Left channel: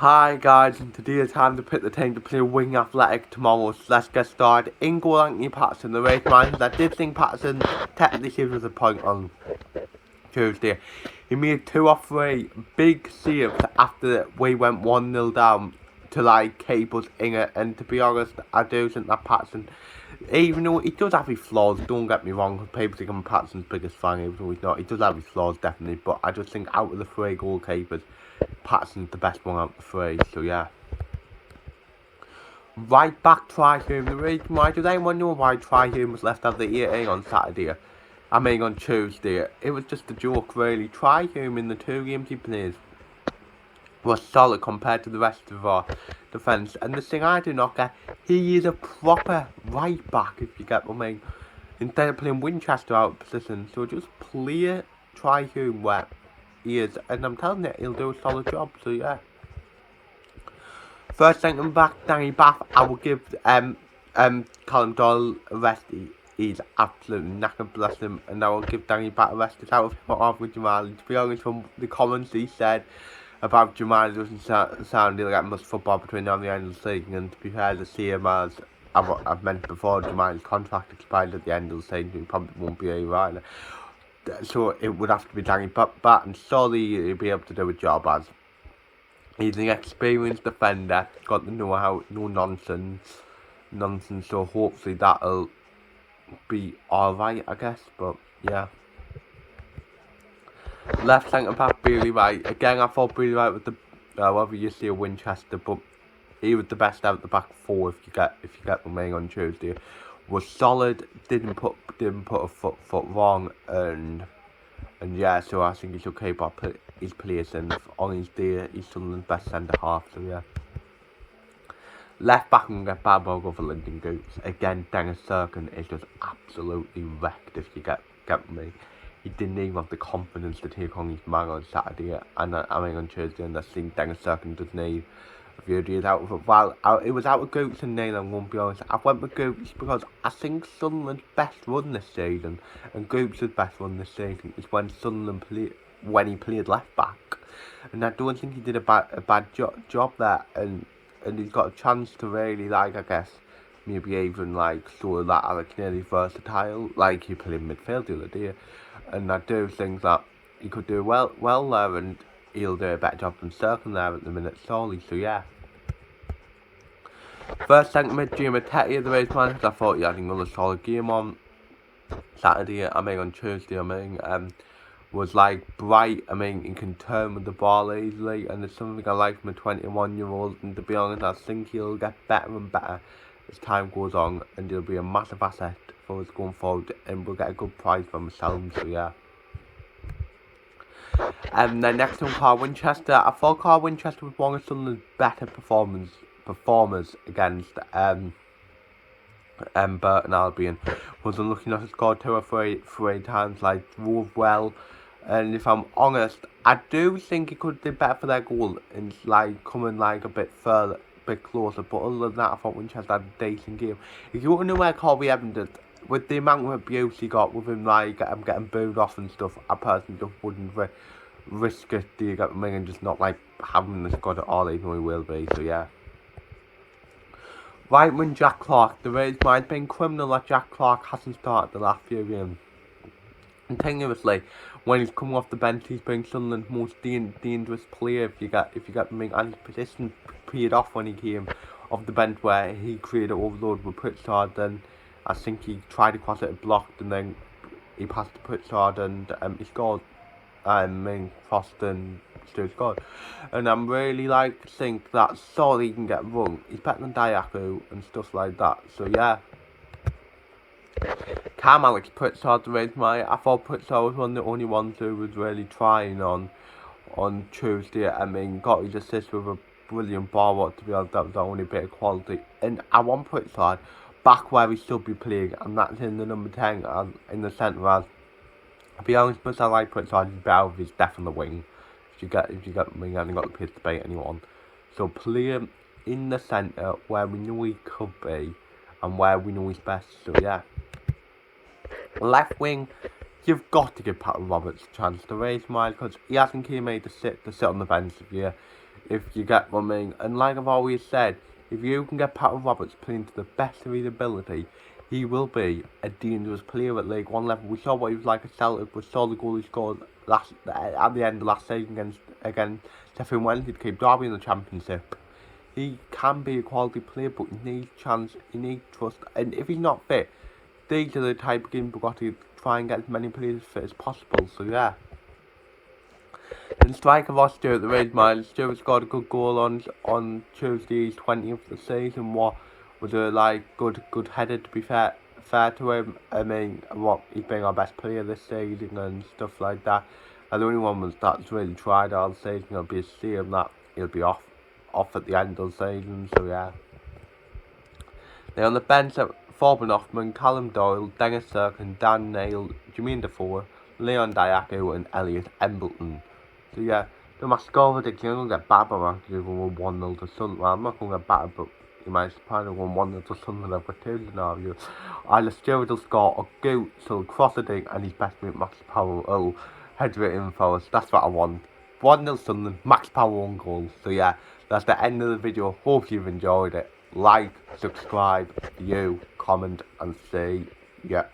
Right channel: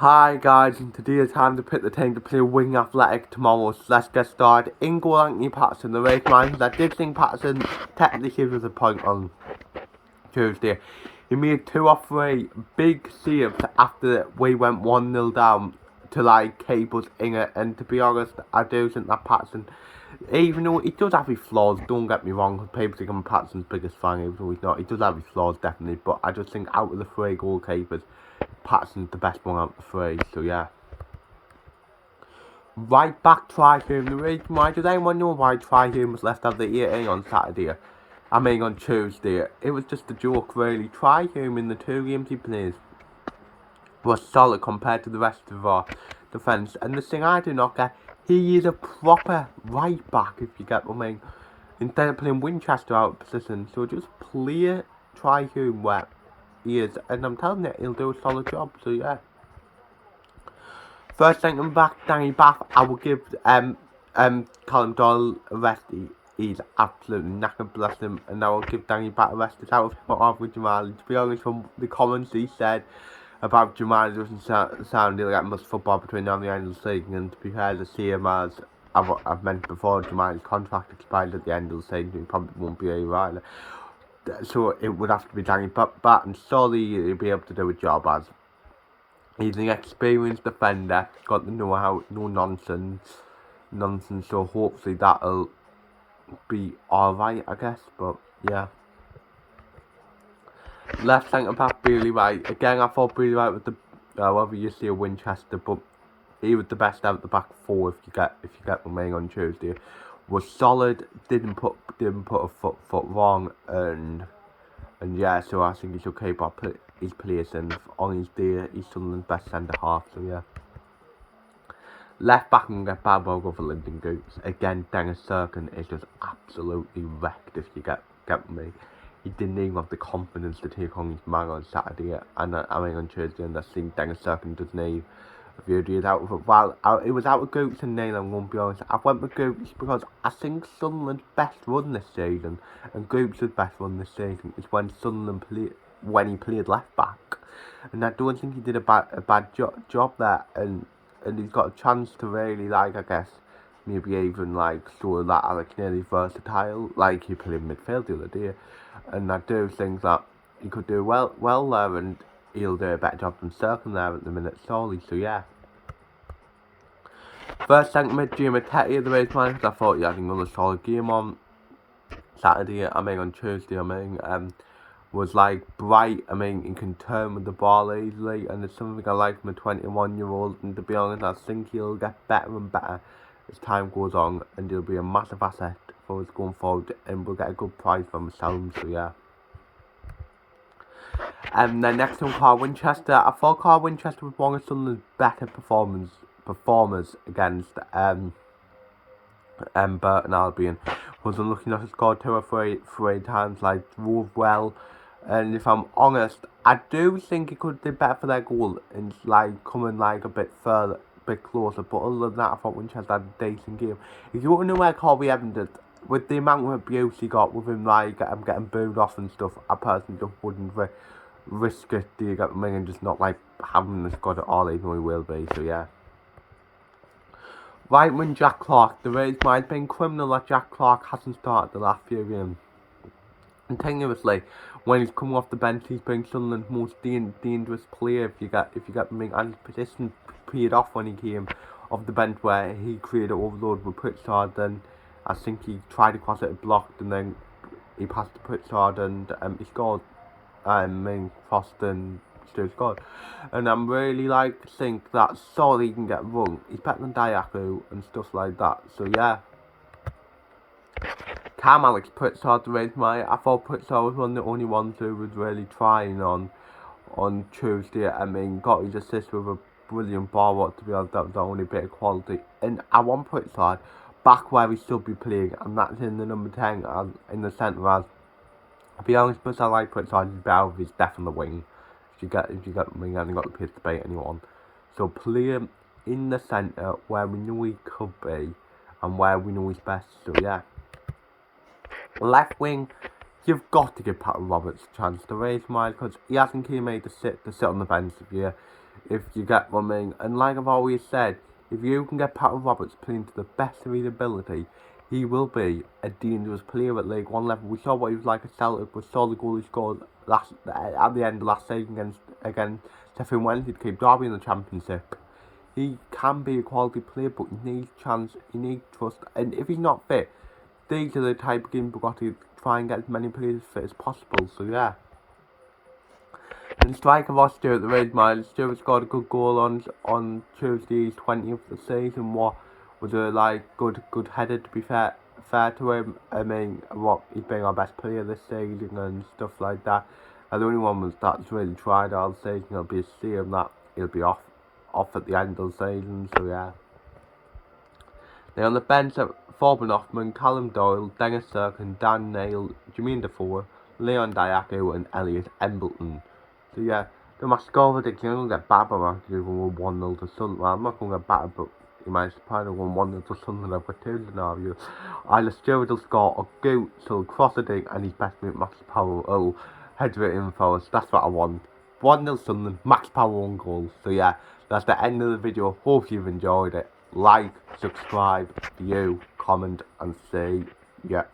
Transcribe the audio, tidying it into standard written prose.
Hi guys, and today is time to pick the team to play Wigan Athletic tomorrow, so let's get started. In goal, Anthony Patterson, the race man. I did think Patterson technically gives us a point on Tuesday. He made 2 or 3 big saves after we went 1-0 down to keep us in it, and to be honest, I do think that Patterson, even though he does have his flaws, don't get me wrong, because people think I'm Patterson's biggest fan, even though he's not. He does have his flaws, definitely, but I just think out of the 3 goalkeepers, Patterson's the best one out of the 3, so yeah. Right back Tri-Hume. The reason why, does anyone know why Tri-Hume was left out of the 18 on Saturday? I mean on Tuesday. It was just a joke really. Tri-Hume in the 2 games he plays was solid compared to the rest of our defence. And the thing I do not get, he is a proper right back, if you get what I mean. Instead of playing Winchester out of position. So just play Tri-Hume where he is. And I'm telling you, he'll do a solid job. So yeah. First centre back, Danny Bath, I will give Colin Doyle a rest. He's absolutely knackered, bless him, and I will give Danny Bath a rest. It's out of with Jamal. To be honest, from the comments he said about Jamal, doesn't sound really like much football between now and the end of the season. And to be fair, to see him as I've mentioned before, Jamal's contract expires at the end of the season. He probably won't be a rider. So it would have to be Danny Bath, and surely he'll be able to do a job as. He's an experienced defender, got the know-how, no nonsense, so hopefully that'll be alright, I guess, but yeah. Left centre back, Bailey Wright. Again, I thought Bailey Wright was the, whether you see a Winchester, but he was the best out the back 4 if you get the main on Tuesday. Was solid, didn't put a foot wrong, and yeah, so I think he should keep up his place, and on his day, he's Sunderland's best centre half, so yeah. Left back and get bad over for Lincoln Goots. Again, Dennis Serkin is just absolutely wrecked, if you get me. He didn't even have the confidence to take on his man on Saturday, and I mean on Tuesday, and I think Dennis Serkin doesn't even. It out with it. Well, it was out with Goots and Neil, I'm going to be honest. I went with Goots because I think Sunderland's best run this season, and Goots' best run this season is when Sunderland when he played left back. And I don't think he did a bad job there, and he's got a chance to really, I guess, maybe even show that Alex Neil's versatile, like he played midfield the other day. And I do think that he could do well there, and he'll do a better job than Serkin there at the minute, solely, so yeah. First centre mid, Jimmy Tetty, the race man, I thought he had another solid game on Saturday, on Tuesday, was bright, he can turn with the ball easily, and there's something I like from a 21-year-old, and to be honest, I think he'll get better and better as time goes on, and he'll be a massive asset for us going forward, and we'll get a good price from himself, so yeah. And then next one, Carl Winchester. I thought Carl Winchester was one of Sunderland's better performers against Burton Albion. Wasn't looking enough to score 2 or 3 times, drove well. And if I'm honest, I do think he could have did better for their goal and coming a bit further, a bit closer. But other than that, I thought Winchester had a decent game. If you want to know where Colby Evans did, with the amount of abuse he got with him getting booed off and stuff, I personally just wouldn't risk it, do you get me, and just not having the squad at all, even though he will be, so yeah. Right wing Jack Clark, the reason why it's been criminal that Jack Clark hasn't started the last few games. Continuously, when he's coming off the bench, he's been Sunderland's most dangerous player, if you get me, and his position paid off when he came off the bench where he created overload with Pritchard. Then I think he tried to cross it, blocked, and then he passed to Pritchard, and he scored. Crossed and still scored. And I'm really think that sorry he can get wrong. He's better than Diaku and stuff like that. So yeah. Cam Alex Pritchard the raise my. I thought Pritchard was one of the only ones who was really trying on Tuesday. Got his assist with a brilliant ball, to be honest, that was the only bit of quality. And I want Pritchard back where he should be playing, and that's in the number 10 in the centre as. To be honest, but I like Pritchard better with his death on the wing. If you get me, I haven't got the pace to bait anyone. So play him in the centre where we know he could be and where we know he's best. So yeah. Left wing, you've got to give Pat Roberts a chance to raise mine because he hasn't came made to sit on the bench this year. if you get what I mean. And like I've always said, if you can get Pat Roberts playing to the best of his ability, he will be a dangerous player at League One level. We saw what he was like at Celtic. We saw the goal he scored at the end of last season against Sheffield Wednesday to keep Derby in the Championship. He can be a quality player, but he needs chance, he needs trust. And if he's not fit, these are the type of games we've got to try and get as many players fit as possible. So yeah. In strike of lost Stuart the Red Miles, Stuart scored a good goal on Tuesday's 20th of the season. What was a good header, to be fair to him. I mean, what he's been our best player this season and stuff like that. And the only one that's really tried all season. It'll be a shame that he'll be off at the end of the season. So yeah. Now on the bench at Forbin Hoffman, Callum Doyle, Dennis Serkin, Dan Neil, Jermaine Defoe, Leon Diaco and Elliot Embleton. So yeah, the my score prediction, I'm going to get battered by Manchester 1-0 to Sunderland. Well, I'm not going to get battered, but you might probably won 1-0 to Sunderland. I've got two scenarios. Either Stuart will score or Goot, so cross the dig and his best mate Max Powell will header it in for us. That's what I want. 1-0 Sunderland, Max Powell on goal. So yeah, that's the end of the video. Hope you've enjoyed it. Like, subscribe, view, comment and see ya.